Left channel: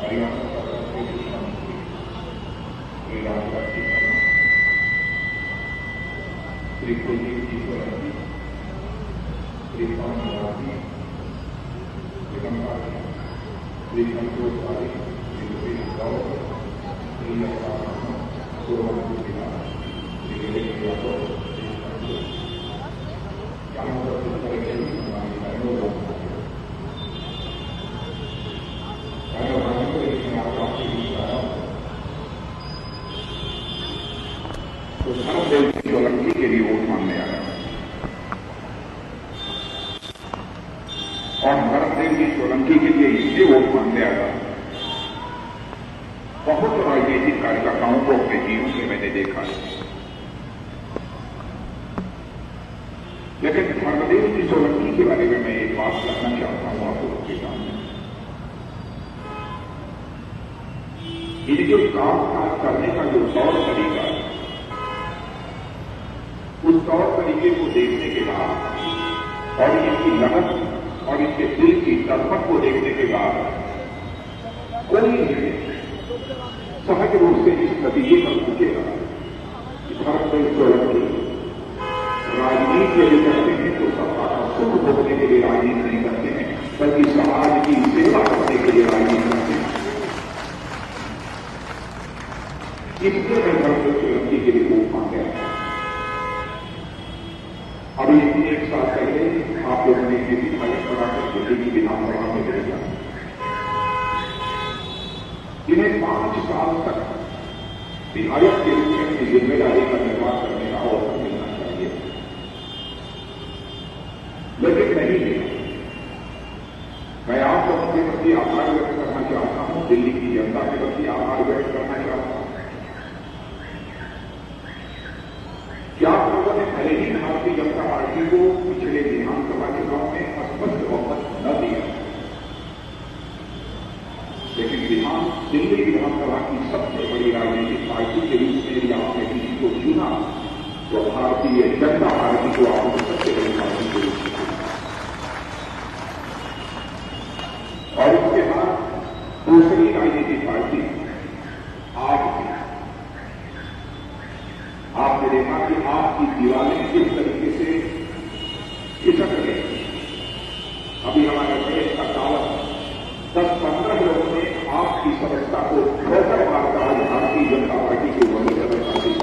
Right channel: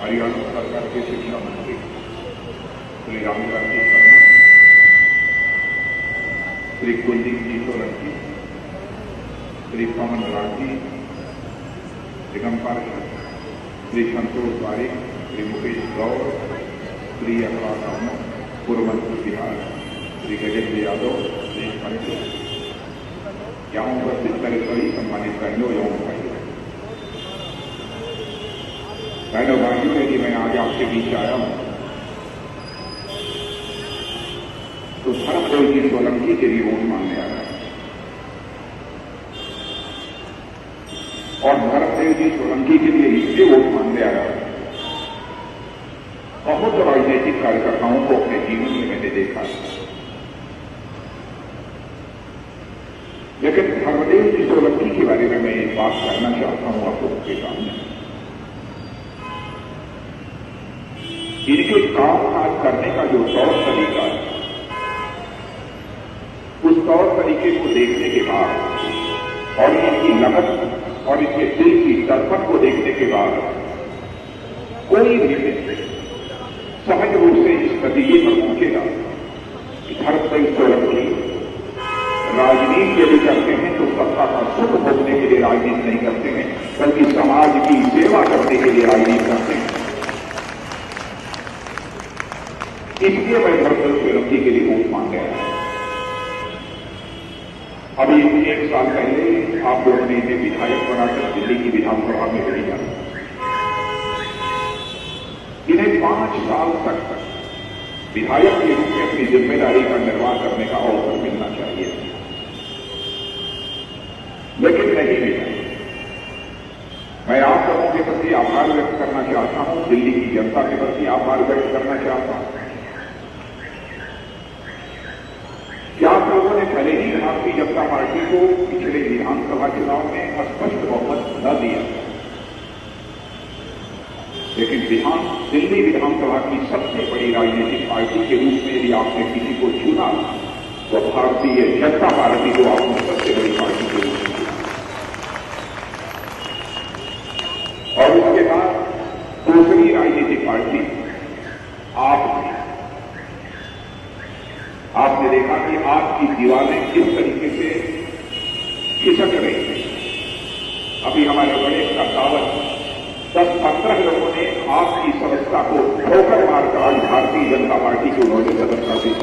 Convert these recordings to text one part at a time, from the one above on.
हरियाणा सरकार के शिक्षा मंत्री श्री रामकांत जी शर्मा, श्री कुलदीप जी सोलंकी, श्री पवन राठी, दिगंबर, श्री संतोष पारिक, श्री मुकेश गौर, श्री अखबार शर्मा, पूर्व मंत्री बिहार श्री गजेंद्र यादव, श्री पंडित, यहाँ उपस्थित करें बड़ी सम्मानित बहनों एवं भाइयों, बहनों भाइयों, यदि मैं आज आपके बीच आया हूं तो धर्मदेव जी सोलंकी के भी वोट मांगने आया और धर्मदेव जी सोलंकी के लिए इसलिए वोट मांगने आया। बहुत राजनीतिक कार्यकर्ताओं को अपने जीवन में मैंने देखा है, लेकिन धर्मदेव जी सोलंकी के बारे में मैं एक बात कहना चाहता हूं आप लोगों के सामने। इनके काम काज करने का जो तौर तरीका है, उस तौर तरीके को देखने के बाद और इनकी लगन और इनके दिल की तड़पन को देखने के बाद कोई भी सहज रूप से इस नतीजे पर पहुंचेगा कि धर्मदेव सोलंकी राजनीति यदि करते हैं तो सत्ता का सुख भोगने के लिए राजनीति नहीं करते हैं, बल्कि समाज की सेवा करने के लिए राजनीति करते हैं। इसलिए मैं धर्मदेव सोलंकी के लिए वोट मांग गया। अभी 1 साल पहले आप लोगों ने इन्हें विधायक बनाकर दिल्ली की विधानसभा में भेजा। इन्हें 5 साल तक विधायक के रूप में अपनी जिम्मेदारी का निर्वाह करने का अवसर मिलना चाहिए, लेकिन नहीं मिला। मैं आप लोगों के प्रति आभार व्यक्त करना चाहता हूं, दिल्ली की जनता के प्रति आभार व्यक्त करना चाहता हूं कि आप लोगों ने भले ही भारतीय जनता पार्टी को पिछले विधानसभा चुनाव में स्पष्ट बहुमत न दिया, लेकिन दिल्ली विधानसभा की सबसे बड़ी राजनीतिक पार्टी के रूप में यदि आपने किसी को चुना तो भारतीय जनता पार्टी को आपने सबसे बड़ी पार्टी के रूप में चुना। और उसके बाद दूसरी राजनीतिक पार्टी आपने देखा कि आपकी दीवारें किस तरीके से खिसक रही। अभी हमारे बड़े अदालत 10-15 लोगों ने आपकी सदस्यता को ठोकर मारकर आज भारतीय जनता पार्टी को उन्होंने सदन कर दिया।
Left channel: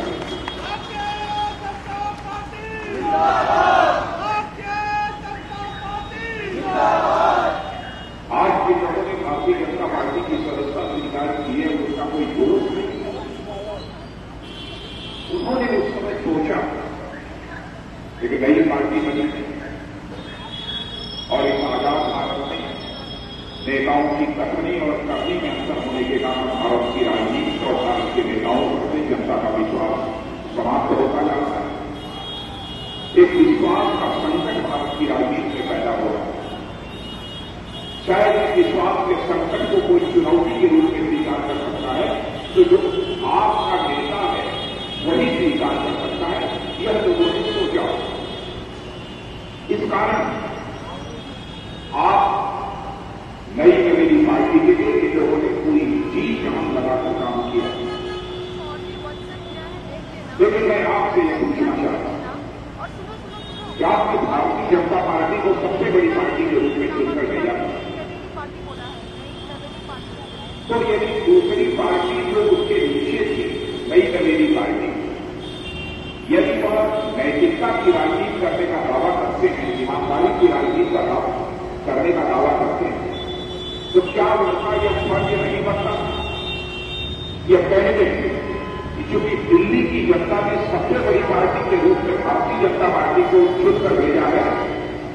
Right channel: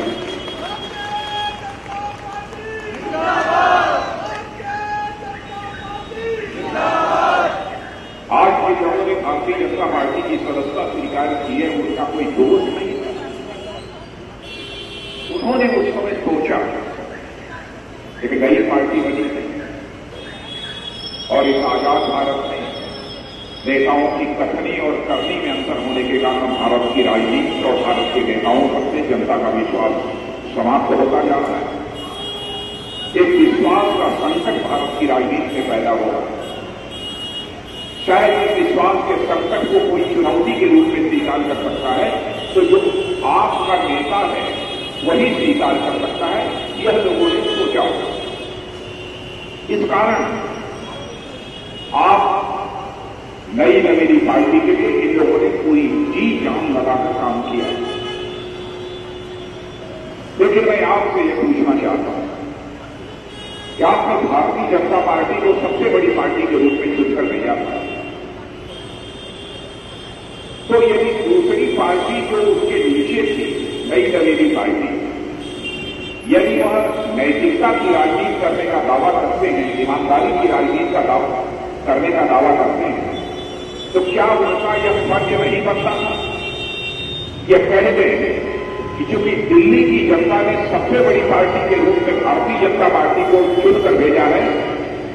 आज जिन लोगों ने भारतीय जनता पार्टी की सदस्यता स्वीकार की है उसका कोई दोष नहीं। उन्होंने उस समय सोचा एक नई पार्टी बनी और इस आजाद भारत में नेताओं की कथनी और करनी में अंतर होने के कारण भारत की राजनीति और भारत के नेताओं पर से जनता का विश्वास समाप्त होता जा रहा है। एक विश्वास का संकट भारत की राजनीति में पैदा हो रहा है। शायद इस विश्वास के संकट को कोई चुनौती के रूप में स्वीकार कर सकता है तो जो आपका नेता है वही स्वीकार कर सकता है, यह लोगों ने सोचा। इस कारण आप नई नवीनी पार्टी के लिए इन लोगों ने पूरी जी जान लगाकर काम किया। लेकिन मैं आपसे ये पूछना चाहता हूं कि आपने भारतीय जनता पार्टी को सबसे बड़ी पार्टी के रूप में चुनकर भेजा था, तो यदि दूसरी पार्टी को उसके नीचे थी नई नवीनी पार्टी, यदि वह नैतिकता की राजनीति करने का दावा करते हैं, ईमानदारी की राजनीति का दावा करने का दावा करते हैं, तो क्या उसका यह फर्ज नहीं बनता यह कहते हैं कि चूंकि दिल्ली की जनता ने सबसे बड़ी पार्टी के रूप में भारतीय जनता पार्टी को चुनकर भेजा है,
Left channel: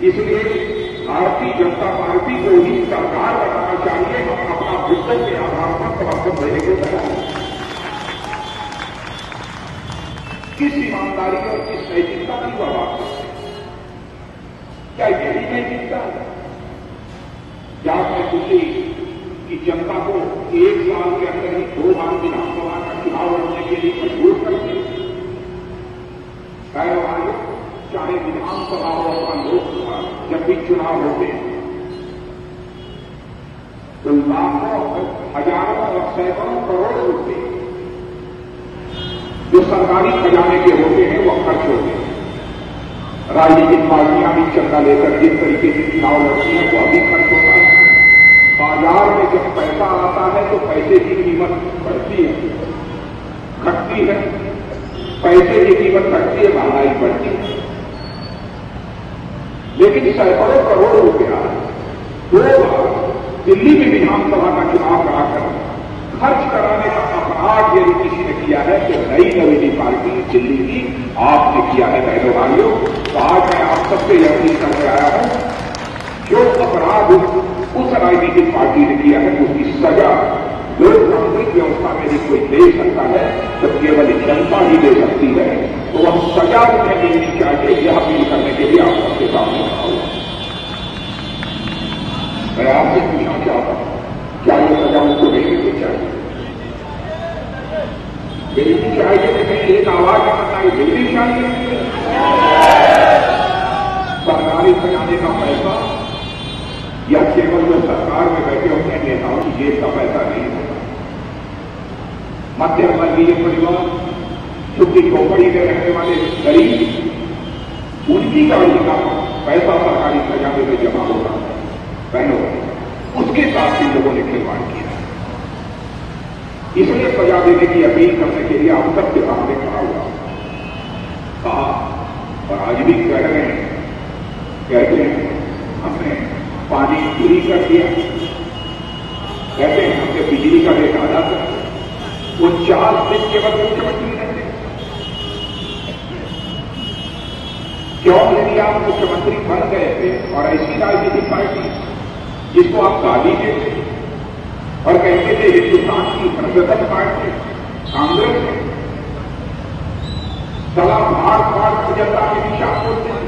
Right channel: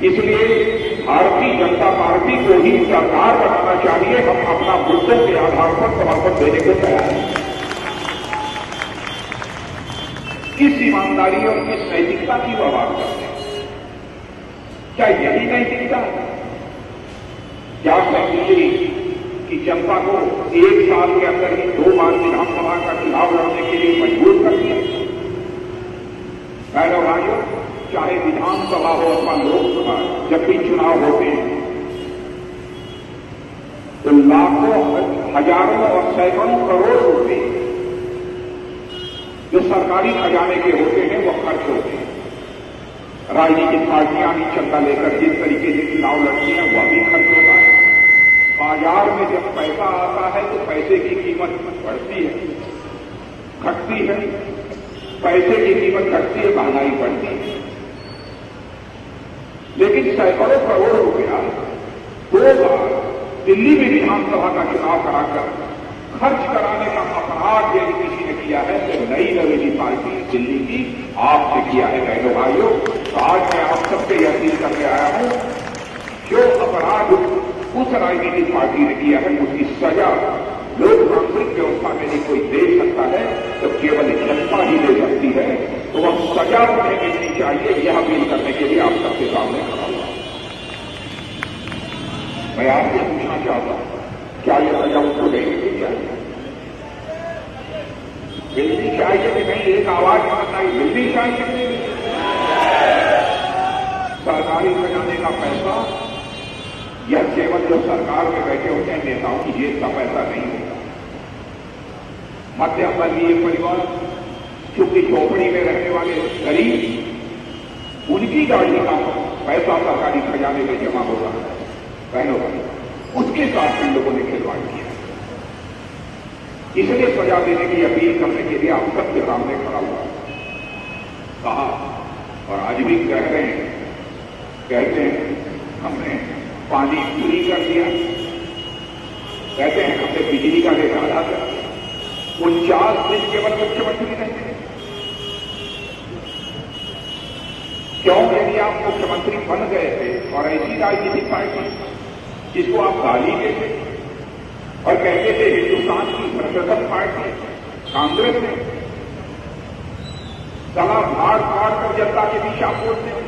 इसलिए भारतीय जनता पार्टी को ही सरकार बनाना चाहिए। हम अपना मुद्दों के आधार पर समर्थन देने को तैयार हैं। किस ईमानदारी और किस नैतिकता की बात करते हैं? क्या यही नैतिकता है? क्या मैं दिल्ली की जनता को 1 साल के अंदर ही 2 बार विधानसभा का चुनाव लड़ने के लिए मजबूर कर दिया? बहनों भाइयों, चाहे विधानसभा हो अथवा लोकसभा, जब भी चुनाव होते हैं तो लाखों हजारों और सैकड़ों करोड़ रुपए जो सरकारी खजाने के होते हैं वो खर्च होते हैं। राजनीतिक पार्टियां भी चंदा लेकर जिस तरीके से चुनाव लड़ती है वह भी खर्च होता है। बाजार में जब पैसा आता है तो पैसे की कीमत बढ़ती है, घटती है, पैसे की कीमत घटती है, महंगाई बढ़ती है। लेकिन सैकड़ों करोड़ रुपया 2 बार दिल्ली में विधानसभा का चुनाव कराकर खर्च कराने का अपराध यदि किसी ने किया है तो नई नवेली पार्टी दिल्ली की आपने किया है बहनों भाइयों। तो आज मैं आप सबसे यह अपील करके आया हूं, जो अपराध उस राजनीतिक पार्टी ने किया है उसकी सजा लोकतांत्रिक व्यवस्था में कोई दे सकता है तो केवल जनता ही दे सकती है। तो वह सजा उन्हें देनी चाहिए, यह अपील करने के लिए आप सबके सामने खड़ा हूं। मैं आपसे पूछना चाहता हूं, क्या यह सजा उनको देनी तो चाहिए? देनी चाहिए कि नहीं? एक आवाज आना है, मिलनी चाहिए। सरकारी खजाने का पैसा या केवल जो सरकार में बैठे अपने नेताओं की जेब का पैसा नहीं होगा। मध्यम वर्गीय परिवार, झुग्गी झोपड़ी में रहने वाले गरीब, उनकी गाड़ी का पैसा सरकारी खजाने में जमा हो रहा है। बहनों, उसके साथ भी लोगों ने खिलवाड़ किया। इसलिए सजा देने की अपील करने के लिए आप सबके सामने खड़ा हुआ, कहा और आज भी कह रहे हैं, कहते हैं हमने पानी चोरी कर दिया, कहते हैं हमने बिजली का रेट आधा कर दिया। 49 दिन केवल मुख्यमंत्री रहे। क्यों यदि आप मुख्यमंत्री बन गए थे और ऐसी राजनीतिक पार्टी जिसको आप गाली देते और कहते थे हिंदुस्तान की प्रगत पार्टी कांग्रेस है, सला मार मार कर जनता के दिशा बोलते हैं,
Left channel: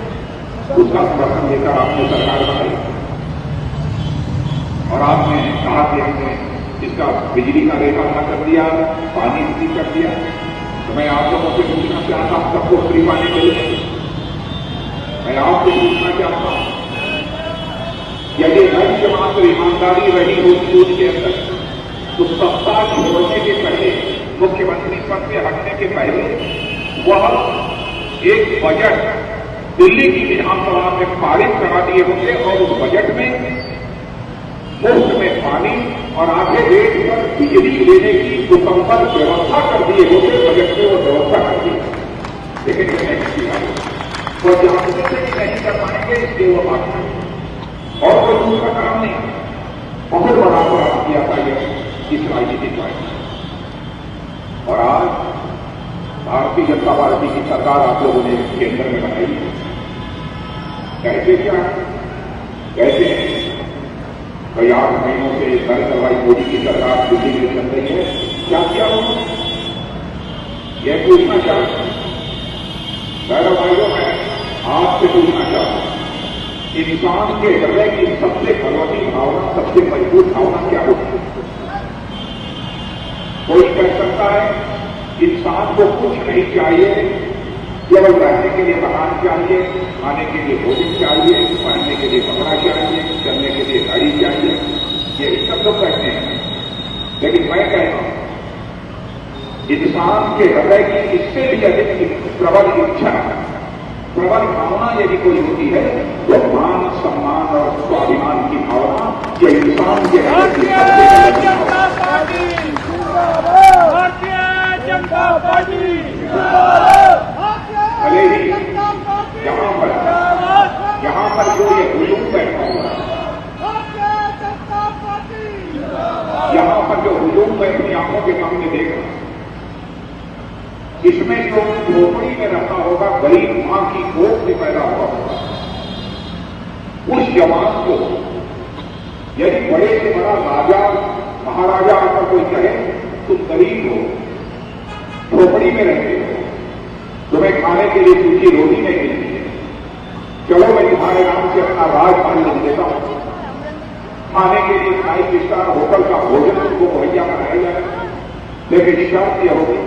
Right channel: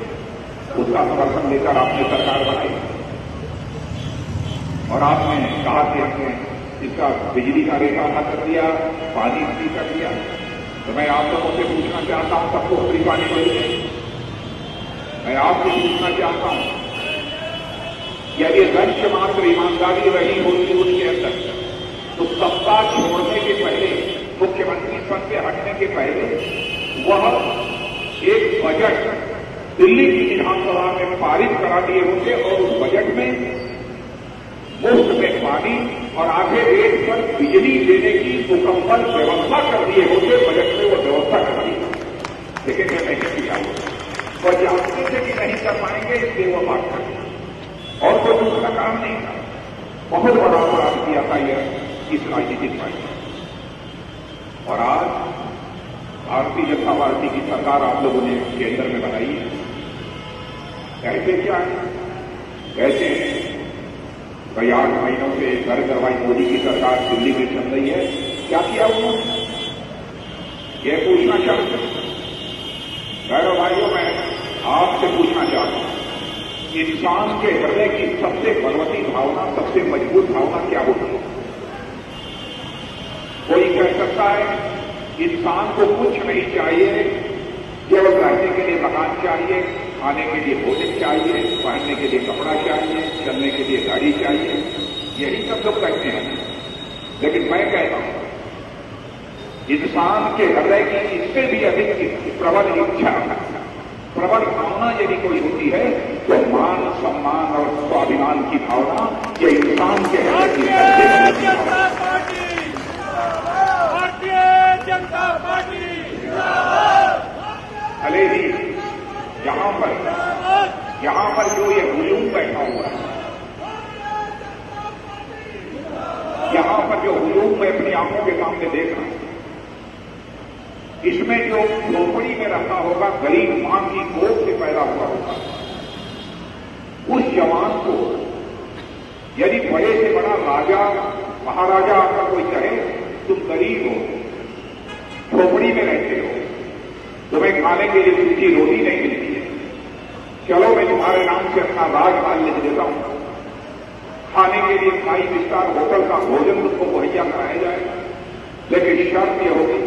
उसका समर्थन लेकर आपने सरकार बनाई और आपने कहा कि हमने इसका बिजली का रेट आधा कर दिया, पानी भी कर दिया। तो मैं आप लोगों से पूछना चाहता हूं, सबको फ्री पानी मिलेगी? मैं आपसे पूछना चाहता हूं, यदि लक्ष्य मात्र ईमानदारी रही होती उसके अंदर तो सत्ता छोड़ने के पहले, मुख्यमंत्री पद से हटने के पहले वह एक बजट दिल्ली की विधानसभा में पारित करा दिए होते और उस बजट में मुफ्त में पानी और आधे रेट पर बिजली देने की मुकम्मल व्यवस्था कर दिए होते। बजट में वो व्यवस्था कर दी, लेकिन यह नहीं किया। तो जासूसी से भी नहीं कर पाएंगे, इसलिए वो बात करेंगे और कोई दूसरा काम नहीं। बहुत बड़ा अपराध किया था यह इस राजनीतिक पार्टी। और आज भारतीय जनता पार्टी की सरकार आप लोगों ने केंद्र में बनाई है। कहते क्या है? कहते हैं कई 8 महीनों से नरेंद्र भाई मोदी की सरकार दिल्ली में चल रही है, क्या किया उन्होंने? यह पूछना चाहता हूं मेरे भाइयों, मैं आपसे पूछना चाहता हूं, इंसान के हृदय की सबसे बलवती भावना, सबसे मजबूत भावना क्या होती है? कोई कह सकता है इंसान को कुछ नहीं चाहिए, केवल रहने के लिए मकान चाहिए, खाने के लिए भोजन चाहिए, पहनने के लिए कपड़ा चाहिए, चलने के लिए गाड़ी चाहिए, यही सब लोग कहते हैं। लेकिन मैं कहता हूं इंसान के हृदय की इससे भी अधिक प्रबल इच्छा, प्रबल भावना यदि कोई होती है तो मान, सम्मान और स्वाभिमान की भावना, यह इंसान के हृदय की सबसे बड़ी भारतीय जनता पार्टी भले ही यहां पर जो ये हुजूम बैठा हुआ है, यहां पर जो हुजूम मैं अपनी आंखों के सामने देख रहा हूं, इसमें जो झोपड़ी में रहता होगा, गरीब मां की कोख में पैदा हुआ होगा, उस जवान को यदि बड़े से बड़ा राजा महाराजा आकर कोई कहे तुम गरीब हो, झोपड़ी में रहते हो, तुम्हें खाने के लिए सूखी रोटी नहीं मिलती है, चलो मैं तुम्हारे नाम से अपना राजमहल लिख देता हूं, खाने के लिए 5 स्टार होटल का भोजन तुमको मुहैया कराया जाएगा, लेकिन शर्त यह होगी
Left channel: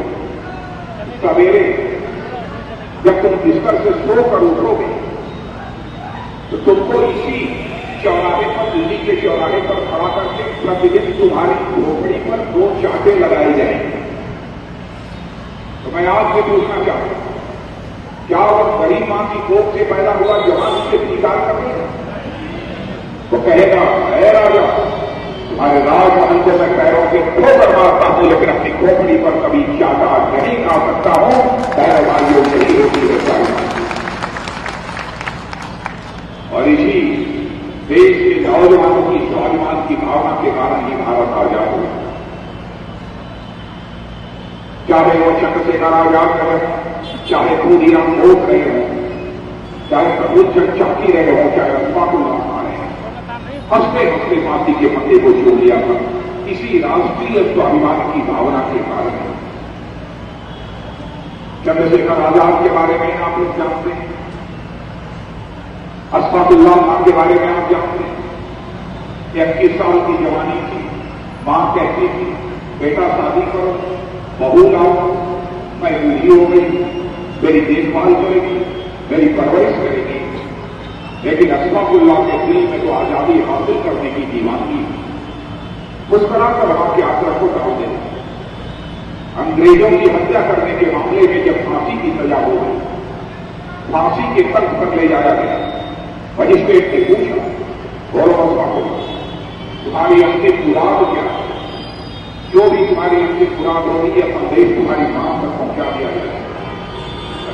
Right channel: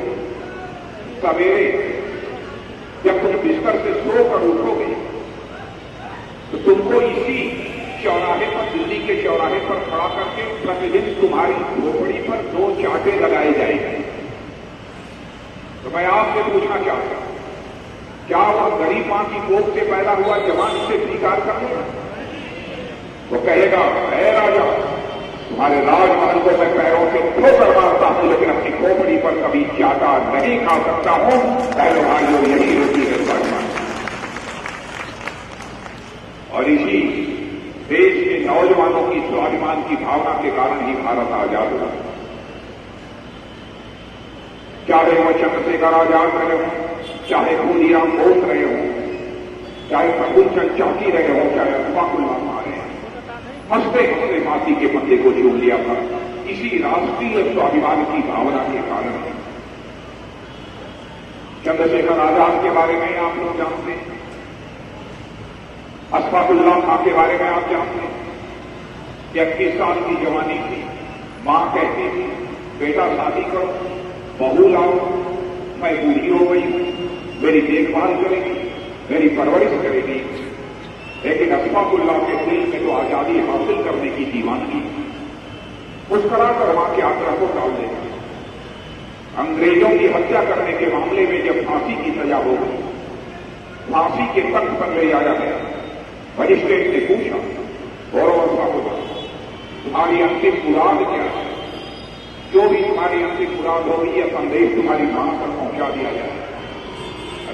सवेरे जब तुम बिस्तर से सो कर उठोगे तो तुमको इसी चौराहे पर, दिल्ली के चौराहे पर खड़ा करके प्रतिदिन तुम्हारी झोपड़ी पर 2 चांटे लगाए जाएंगे। तो मैं आपसे पूछना चाहता हूं, क्या वह गरीब मां की कोख से पैदा हुआ जवान से स्वीकार करेगा? वो कहेगा, है राजा, तुम्हारे राजमहल को मैं पैरों से ठोकर मारता हूं, लेकिन अपनी खोपड़ी पर कभी चाटा नहीं खा सकता हूं। पैर भाइयों, यही होती है स्वाभिमान। और इसी देश के नौजवानों की स्वाभिमान की भावना के कारण ही भारत आजाद हुआ। चाहे वो चंद्रशेखर आजाद रहे हों, चाहे खुदीराम बोस रहे हों, चाहे प्रभुचंद चौकी रहे हों, चाहे अशफाकुल्लाह खां रहे हों, हंसते हंसते माटी के पत्ते को छोड़ लिया था। इसी राष्ट्रीय स्वाभिमान की भावना के कारण चंद्रशेखर आजाद के बारे में आप लोग जानते हैं, अशफाकुल्लाह खां के बारे में आप जानते हैं। 31 साल की जवानी थी, मां कहती थी, बेटा शादी करो, बहू लाओ, मैं बूढ़ी हो गई हूं, मेरी देखभाल करेगी, मेरी परवरिश करेगी। लेकिन अशफाकुल्लाह के दिल में तो आजादी हासिल करने की दीवानगी, मुस्कुराकर वहां की यात्रा को टाल देती। अंग्रेजों की हत्या करने के मामले में जब फांसी की सजा हो गई, फांसी के तख्त पर ले जाया गया, मजिस्ट्रेट ने पूछा, बोलो अशफाकुल्लाह, तुम्हारी अंतिम मुराद क्या है? जो भी तुम्हारी अंतिम मुराद होगी, यह संदेश तुम्हारी मां तक पहुंचा दिया जाए।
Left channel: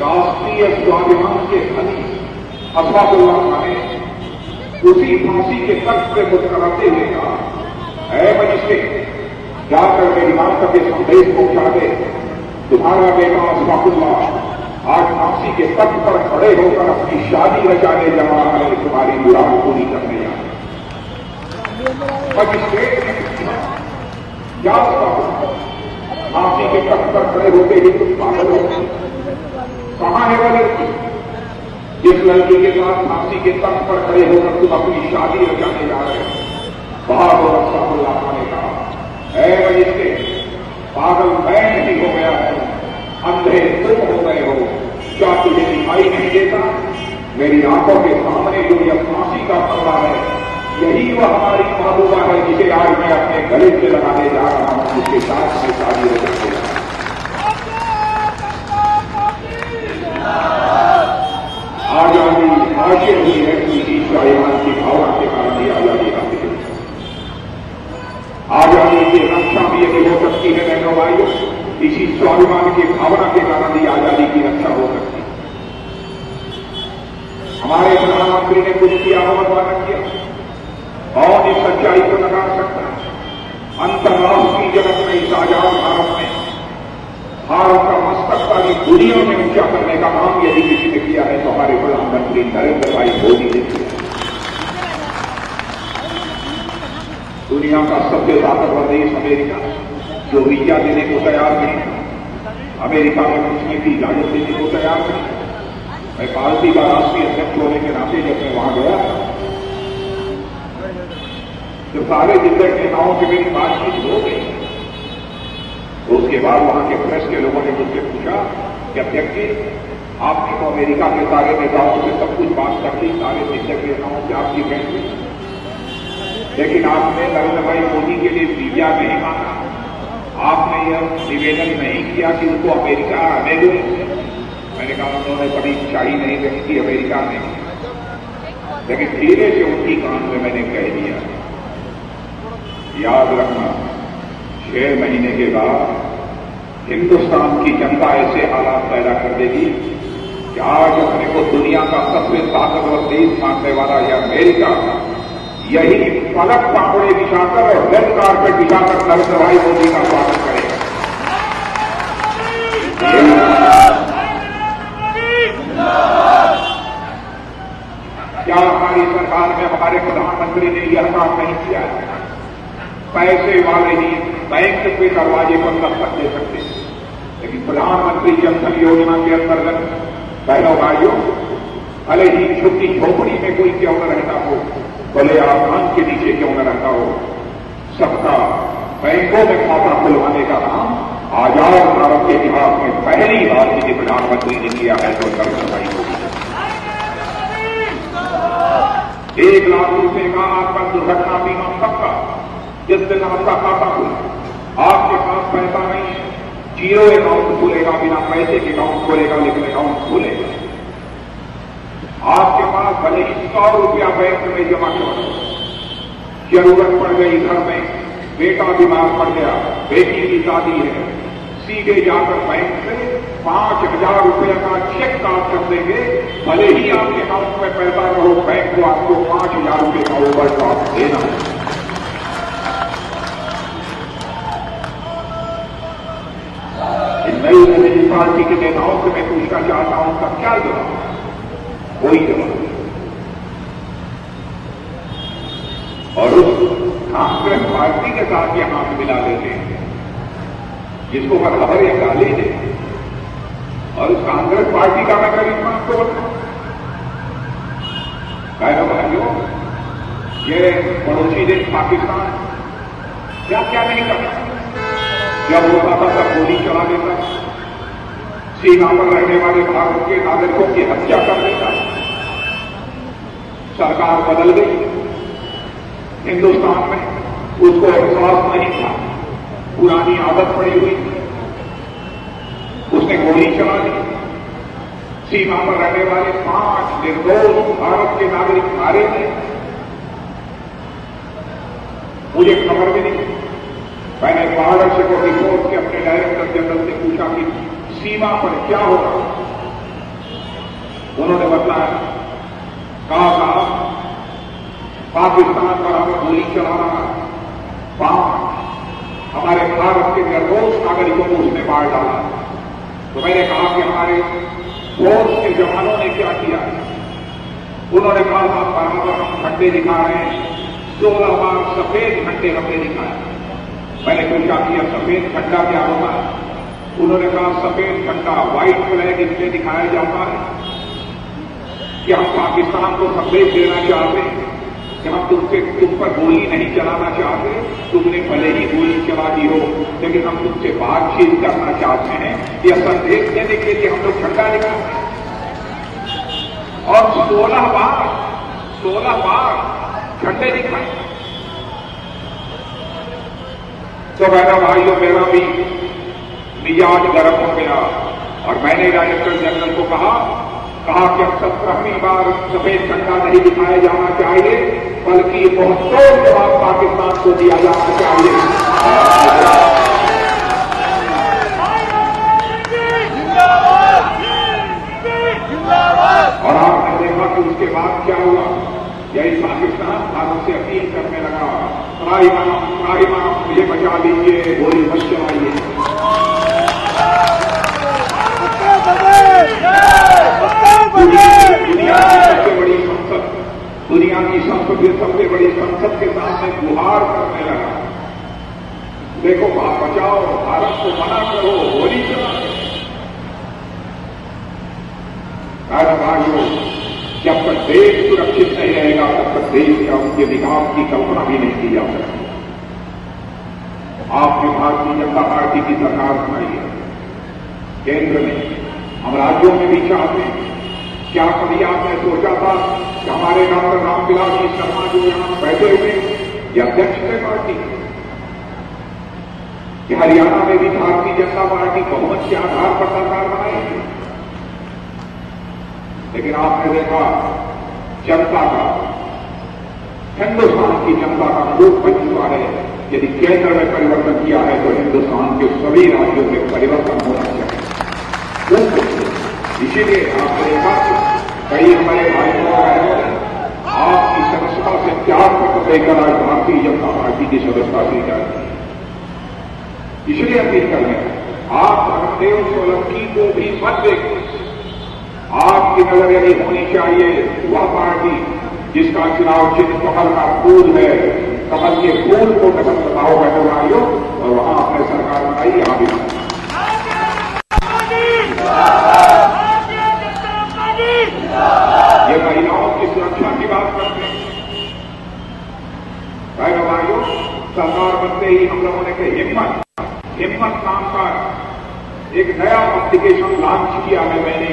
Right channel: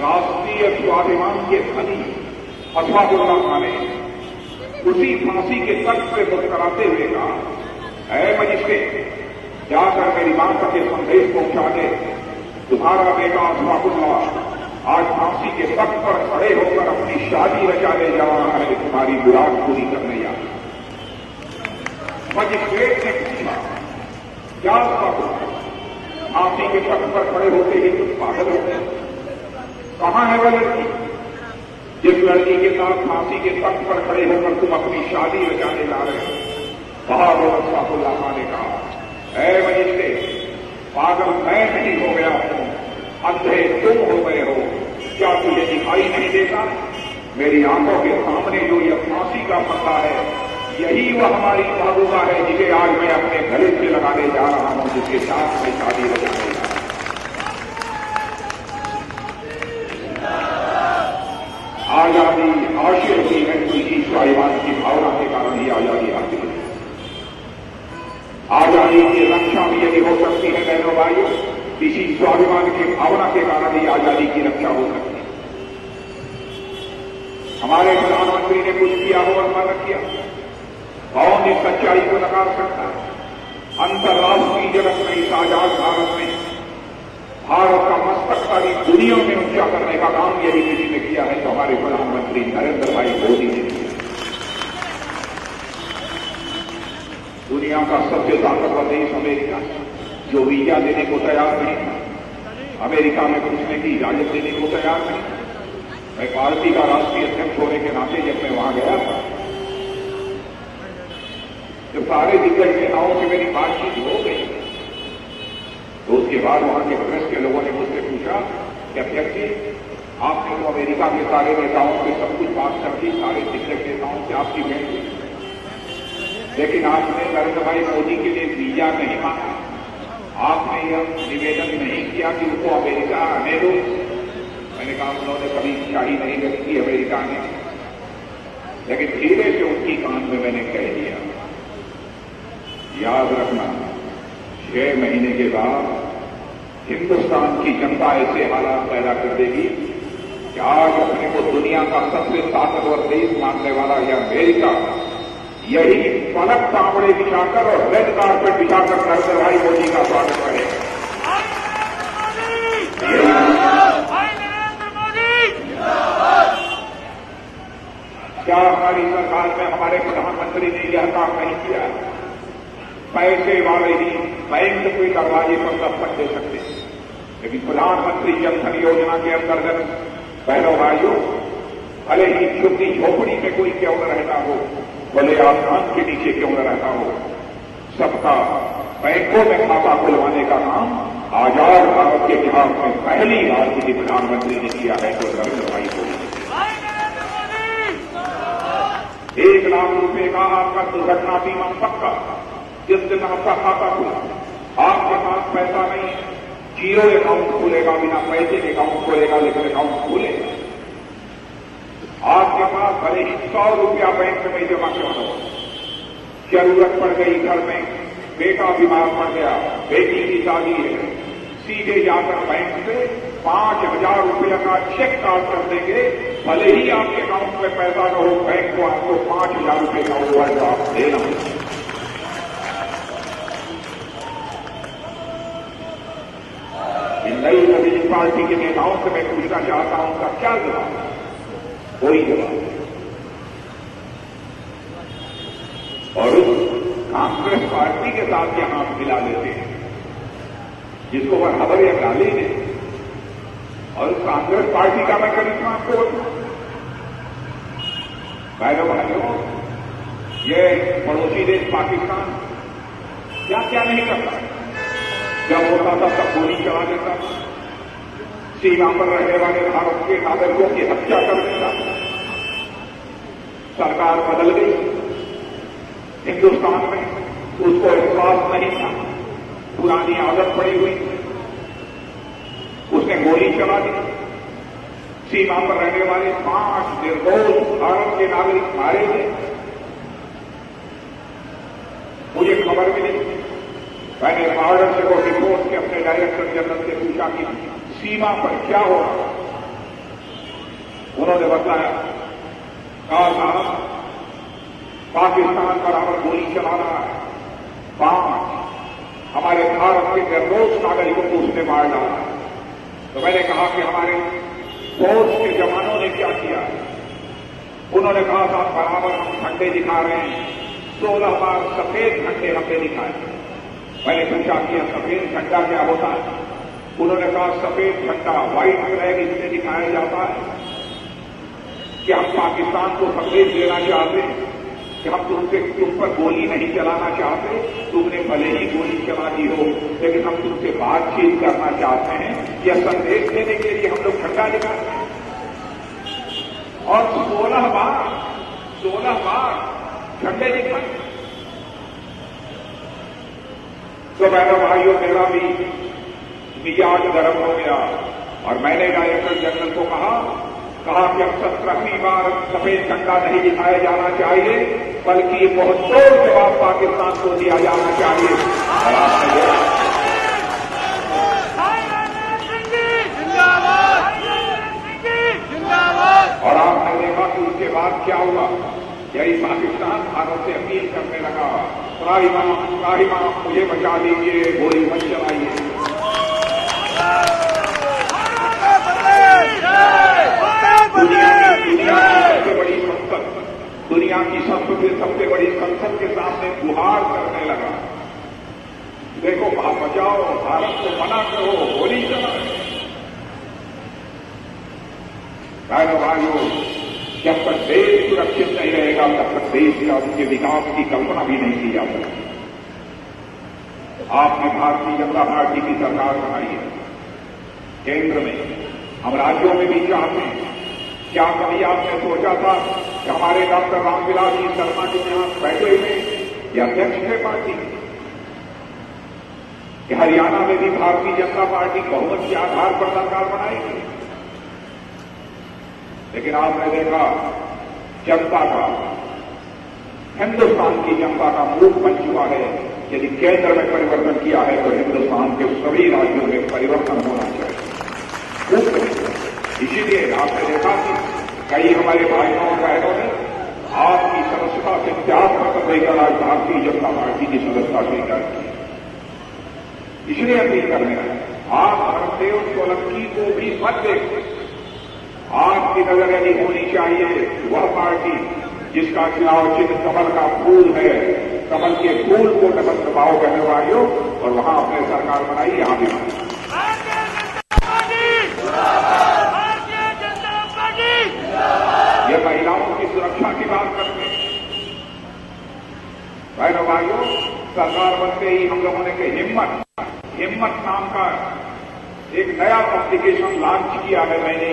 राष्ट्रीय स्वाभिमान के धनी अशफाकुल्लाह खां ने उसी फांसी के तख्त पर मुस्कुराते हुए कहा, है मजिस्ट्रेट, जाकर मेरी मां तक यह संदेश पहुंचा दे, तुम्हारा बेटा अशफाकुल्लाह आज फांसी के तख्त पर खड़े होकर अपनी शादी रचाने जा रहा है, तुम्हारी मुराद पूरी करने जा रहा है। मजिस्ट्रेट ने पूछा, क्या फांसी के तख्त पर खड़े होते ही तुम पागल हो? कहां है वो लड़की जिस लड़की के साथ फांसी के तख्त पर खड़े होकर तुम अपनी शादी रचाने जा रहे हो? बहादुर अशफाकुल्लाह खां ने कहा, ऐ मजिस्ट्रेट, पागल मैं नहीं हो गया हूं, अंधे तुम हो गए हो। क्या तुझे दिखाई नहीं देता? मेरी आंखों के सामने जो यह फांसी का पल्ला है, यही वह हमारी महबूबा है, जिसे आज मैं अपने गले से लगाने जा रहा हूं, जिसके साथ मैं शादी रचाने जा रहा हूं। आजादी हासिल हुई है, इसी स्वाभिमान की भावना के कारण ही आजादी हासिल हुई। आजादी की रक्षा भी यदि हो सकती है बहनों भाइयों, इसी स्वाभिमान की भावना के कारण ही आजादी की रक्षा हो सकती है। हमारे प्रधानमंत्री ने कुछ किया हो अथवा न किया, कौन इस सच्चाई को नकार सकता है? अंतर्राष्ट्रीय जगत में, इस आजाद भारत में भारत का मस्तक सारी दुनिया में ऊंचा करने का काम यदि किसी ने किया है तो हमारे प्रधानमंत्री नरेंद्र भाई मोदी ने किया। दुनिया का सबसे ताकतवर देश अमेरिका, जो वीजा देने को तैयार नहीं था, अमेरिका में घुसने की इजाजत देने को तैयार नहीं था। मैं पार्टी का राष्ट्रीय अध्यक्ष होने के नाते जब मैं वहां गया था, जब सारे दिग्गज नेताओं से मेरी बातचीत हो गई, तो उसके बाद वहां के प्रेस के लोगों ने मुझसे पूछा कि अध्यक्ष जी, आपने तो अमेरिका के सारे नेताओं से सब कुछ बात कर दी, सारे दिग्गज नेताओं से आपकी भेंट हुई, लेकिन आपने नरेंद्र भाई मोदी के लिए वीजा नहीं मांगा, आपने यह निवेदन नहीं किया कि उनको अमेरिका आने दो। मैंने कहा उन्होंने कभी इच्छा ही नहीं व्यक्त की अमेरिका में, लेकिन धीरे से उनकी कान में मैंने कह दिया, याद रखना 6 महीने के बाद हिंदुस्तान की जनता ऐसे हालात पैदा कर देगी कि आज अपने को दुनिया का सबसे ताकतवर देश मानने वाला यह अमेरिका, यही पलक कापड़े बिछाकर और रेड कार्पेट बिछाकर नरेंद्र भाई मोदी का स्वागत करेगा। क्या हमारी सरकार में हमारे प्रधानमंत्री ने यह काम नहीं किया? पैसे वाले ही बैंक के दरवाजे पर दस्तक दे सकते, लेकिन प्रधानमंत्री जनधन योजना के अंतर्गत बहनों भाइयों, भले ही छोटी झोपड़ी में कोई क्यों न रहता हो, भले आसमान के नीचे क्यों न रहता हो, सबका बैंकों में खाता खुलवाने का काम आजाद भारत के इतिहास में पहली बार किसी प्रधानमंत्री ने किया है, तो नरेंद्र भाई मोदी। 1,00,000 रुपए का आपका दुर्घटना बीमा पक्का। जिस दिन आपका खाता खुला, आपके पास पैसा नहीं, जीरो अकाउंट खुलेगा, बिना पैसे के अकाउंट खुलेगा, लेकिन अकाउंट खुलेगा। आपके पास भले ही 100 रुपया बैंक में जमा करो, जरूरत पड़ गई घर में, बेटा बीमार पड़ गया, बेटी की शादी है, सीधे जाकर बैंक से 5,000 रुपये का चेक काट कर देंगे। भले ही आपके अकाउंट में पैसा न हो, बैंक को आपको 5,000 रुपये का ओवरड्राफ्ट देना है। इन नई नई पार्टी के नेताओं से मैं पूछना चाहता हूं, उनका क्या जवाब? कोई जवाब। और उस कांग्रेस पार्टी के साथ यहां से मिला देते हैं जिसको वह खबरें डाली दे। और उस कांग्रेस पार्टी का मैं करीब आपको बताऊं, भाइयों, ये पड़ोसी देश पाकिस्तान क्या क्या नहीं करता। जब होता था तब गोली चला देता, सीमा पर रहने वाले भारत के नागरिकों की हत्या कर देता। सरकार बदल गई, हिंदुस्तान में उसको एहसास नहीं था, पुरानी आदत पड़ी हुई, उसने गोली चला दी। सीमा पर रहने वाले 5 निर्दोष भारत के नागरिक मारे गए। मुझे खबर भी नहीं। मैंने बॉर्डर से को रिपोर्ट के अपने डायरेक्टर जनरल से पूछा कि सीमा पर क्या होगा। उन्होंने बताया, कहा पाकिस्तान पर हम गोली चला रहा है, 5 हमारे भारत के निर्दोष नागरिकों को उसने मार डाला। तो मैंने कहा कि हमारे फौज के जवानों ने क्या किया है? उन्होंने कहा था, बराबर हम झंडे दिखा रहे हैं, 16 बार सफेद झंडे हमने दिखाए। मैंने पूछा कि यह सफेद झंडा क्या होता है? उन्होंने कहा, सफेद झंडा, व्हाइट फ्लैग इसलिए दिखाया जाता है कि हम पाकिस्तान को संदेश देना चाहते हैं कि हम तुम पर गोली नहीं चलाना चाहते, तुमने भले ही गोली चला दी हो, लेकिन हम तुमसे बातचीत करना चाहते हैं। यह संदेश देने के लिए हम लोग झंडा दिखाते हैं। और 16 बार झंडे दिखाए। तो बहनों भाइयों, मेरा भी मिजाज गर्म हो गया और मैंने डायरेक्टर जनरल को कहा कि अब 17वीं बार सफेद झंडा नहीं दिखाया जाना चाहिए, बल्कि मुंहतोड़ जवाब पाकिस्तान को दिया जाना चाहिए। और आपने देखा कि उसके बाद क्या हुआ। यही पाकिस्तान भारत से अपील करने लगा, त्राहिमाम मुझे बचा लीजिए, गोली मत चलाइए। दुनिया की सबसे बड़ी संसद के सामने गुहार करने लगा, देखो बात बचाओ, भारत को मना करो, गोली चलाओ। भाइयों, जब तक देश सुरक्षित नहीं रहेगा, तब तक देश का उसके विकास की कल्पना भी नहीं की जा सकती। आपने भारतीय जनता पार्टी की सरकार बनाई है केंद्र में, हम राज्यों में भी चाहते हैं। क्या कभी आपने सोचा था कि हमारे डॉक्टर रामविलास जी शर्मा जो यहां बैठे हुए, ये अध्यक्ष थे पार्टी कि हरियाणा में भी भारतीय जनता पार्टी बहुमत के आधार पर सरकार बनाएगी? लेकिन आपने देखा, जनता का, हिंदुस्तान की जनता का रूप बन चुका है। यदि केंद्र में परिवर्तन किया है तो हिंदुस्तान के सभी राज्यों में परिवर्तन होना चाहिए। इसीलिए आपने देखा कई हमारे भाइयों बहनों ने आपकी सदस्यता से त्याग पत्र देकर आज भारतीय जनता पार्टी की सदस्यता से त्याग किया। इसलिए अपील कर रहे हैं, आप धर्मदेव सोलंकी को भी मत दें। आपकी नजर यदि होनी चाहिए वह पार्टी जिसका चुनाव चिन्ह कमल का फूल है, कमल के फूल को कदम दबाओ बहनों भाइयों, और वहां आपने सरकार बनाई, यहां भी बनाई। ये महिलाओं की सुरक्षा की बात करते हैं। भाइयों, सरकार बनते ही हम लोगों ने हिम्मत नाम का एक नया एप्लीकेशन लॉन्च किया है मैंने,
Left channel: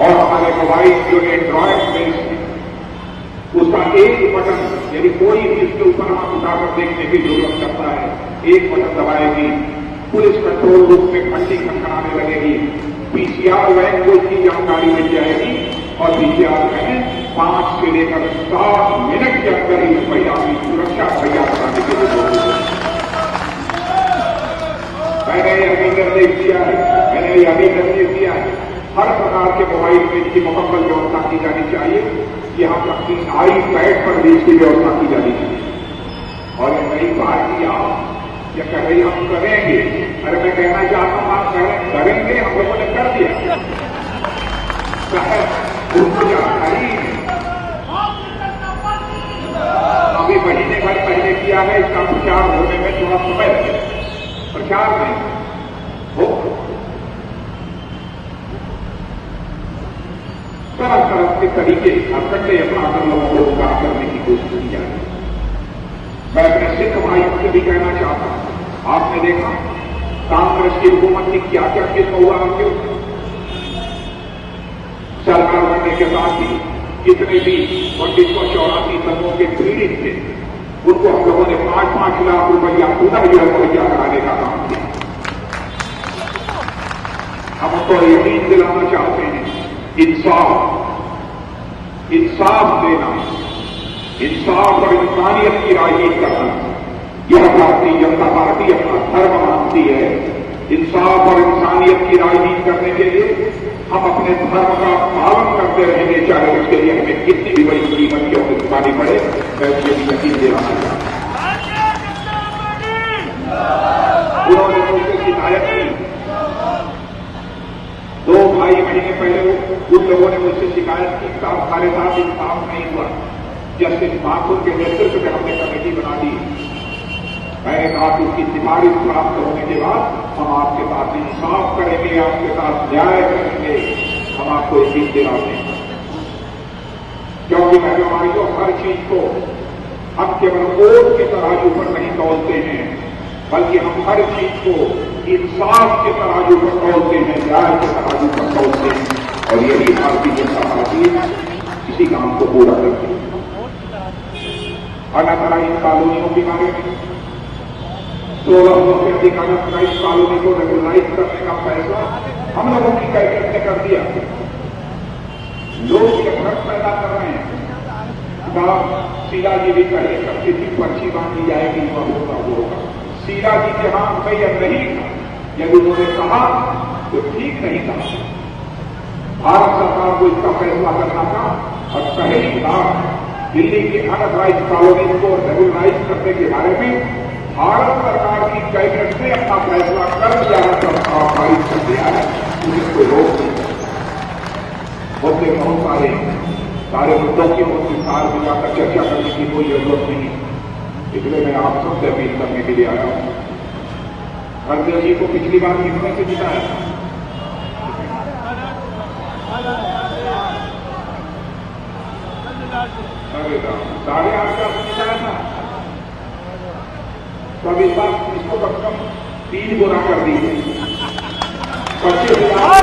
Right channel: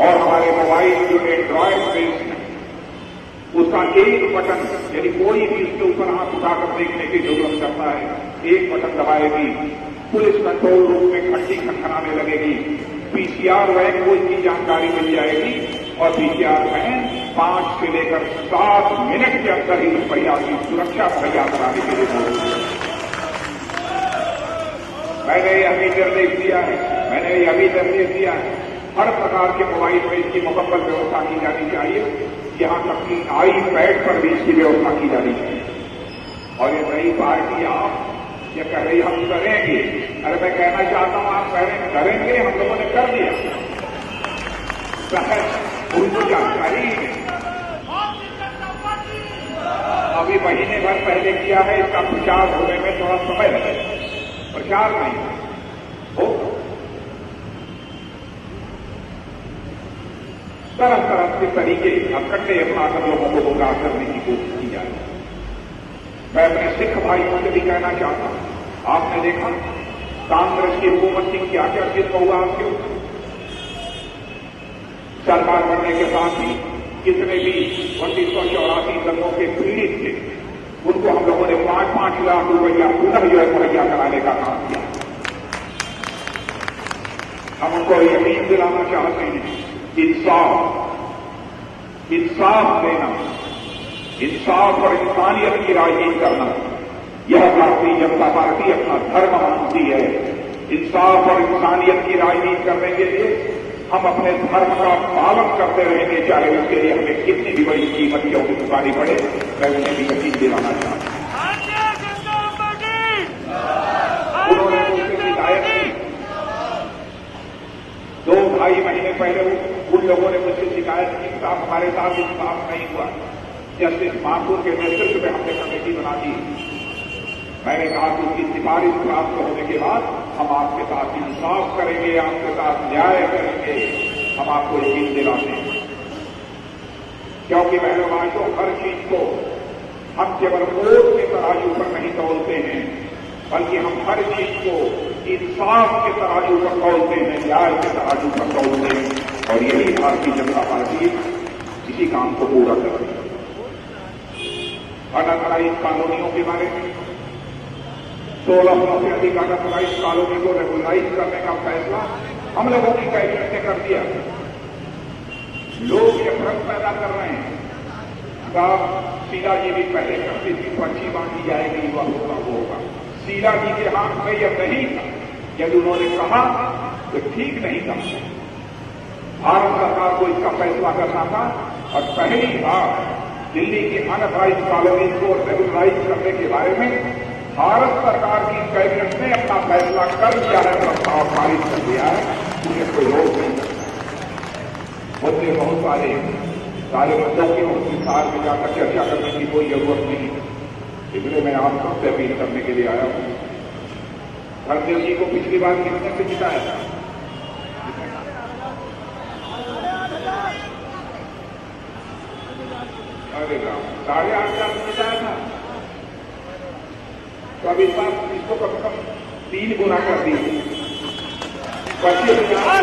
और हमारे मोबाइल जो एंड्रॉयड बेस्ड उसका एक बटन, यदि कोई भी इसके ऊपर आंख उठाकर देखने की जरूरत करता है, एक बटन दबाएगी, पुलिस कंट्रोल रूम में घंटी खनखनाने लगेगी, पीसीआर वैन को इसकी जानकारी मिल जाएगी और पीसीआर वैन 5 से लेकर 7 मिनट के अंदर ही महिला की सुरक्षा तैयार करने के लिए मैंने यह भी निर्देश दिया है, मैंने यह भी निर्देश दिया है, हर प्रकार के मोबाइल में इसकी मुकम्मल व्यवस्था की जानी चाहिए, यहां तक कि आई पैड पर भी इसकी व्यवस्था की जानी चाहिए। और ये नई पार्टी आप ये कह रही हम करेंगे, अरे मैं कहना चाहता हूं आप करेंगे, हम लोगों ने कर दिया, उनको जानकारी अभी महीने भर पहले किया है, इसका प्रचार होने में थोड़ा समय है, प्रचार नहीं हो, तरह तरह के तरीके अखंडे अपराध लोगों को गुमराह करने की कोशिश की जा रही है। मैं अपने सिख भाइयों से भी कहना चाहता हूं, आपने देखा कांग्रेस की हुकूमत की क्या क्या किस्म हुआ आपके ऊपर, सरकार बनने के साथ ही जितने भी 1984 दंगों के पीड़ित थे उनको हम लोगों ने 5-5 लाख रुपया पुनः मुहैया कराने का काम किया। हम उनको यकीन दिलाना चाहते हैं, इंसाफ देना, इंसाफ और इंसानियत की राजनीति करना, यह भारतीय जनता पार्टी अपना धर्म मानती है। इंसाफ और इंसानियत की राजनीति करने के लिए हम अपने धर्म का पालन करते रहेंगे, चाहे उसके लिए हमें कितनी भी बड़ी कीमत की चुकानी पड़े। मैं मुझे भी यकीन दिलाना चाहता हूं। उन्होंने मुझसे शिकायत की, 2-2.5 महीने पहले उन लोगों ने मुझसे शिकायत की, हमारे साथ इंसाफ नहीं हुआ। जस्टिस माथुर के नेतृत्व में हमने कमेटी बना दी। मैंने कहा कि उसकी सिफारिश प्राप्त होने के बाद हम आपके साथ इंसाफ करेंगे, आपके साथ न्याय करेंगे, हम आपको यकीन दिलाते हैं। क्योंकि मैंने जो हर चीज को हम केवल वोट के तराजू पर नहीं तौलते हैं, बल्कि हम हर चीज को इंसाफ के तराजू पर तौलते हैं, न्याय के तराजू पर तौलते हैं, और यही भारतीय जनता पार्टी इसी काम को पूरा करती है। अलग अलग इन कॉलोनियों के बारे में 1600 से अधिक अनऑर्गेनाइज कॉलोनी को रेगुलराइज करने का फैसला हम लोगों की कैबिनेट ने कर दिया। लोग ये भ्रम पैदा कर रहे हैं, शीला जी भी पहले सबकी थी, पर्ची बांधी जाएगी, वह होगा। शीला जी के हाथ में यह नहीं था, यदि उन्होंने कहा तो ठीक नहीं था। भारत सरकार को इसका फैसला करना था, और पहली बार दिल्ली की अनऑर्गेनाइज कॉलोनी को रेगुलराइज करने के बारे में भारत सरकार की कैबिनेट ने अपना फैसला कर लिया है, प्रस्ताव पारित कर दिया है, मुझे कोई रोक नहीं कर सकता। मुद्दे बहुत सारे मुद्दों की विस्तार में जाकर चर्चा करने की कोई जरूरत नहीं, इसलिए मैं आप सबसे अपील करने के लिए आया हूं। रणदेव जी को पिछली बार कितने से जिताया था? अरे 8.5 से जिताया था, तो अब इस बार इसको कम से कम 3 गुना कर दी, 25,000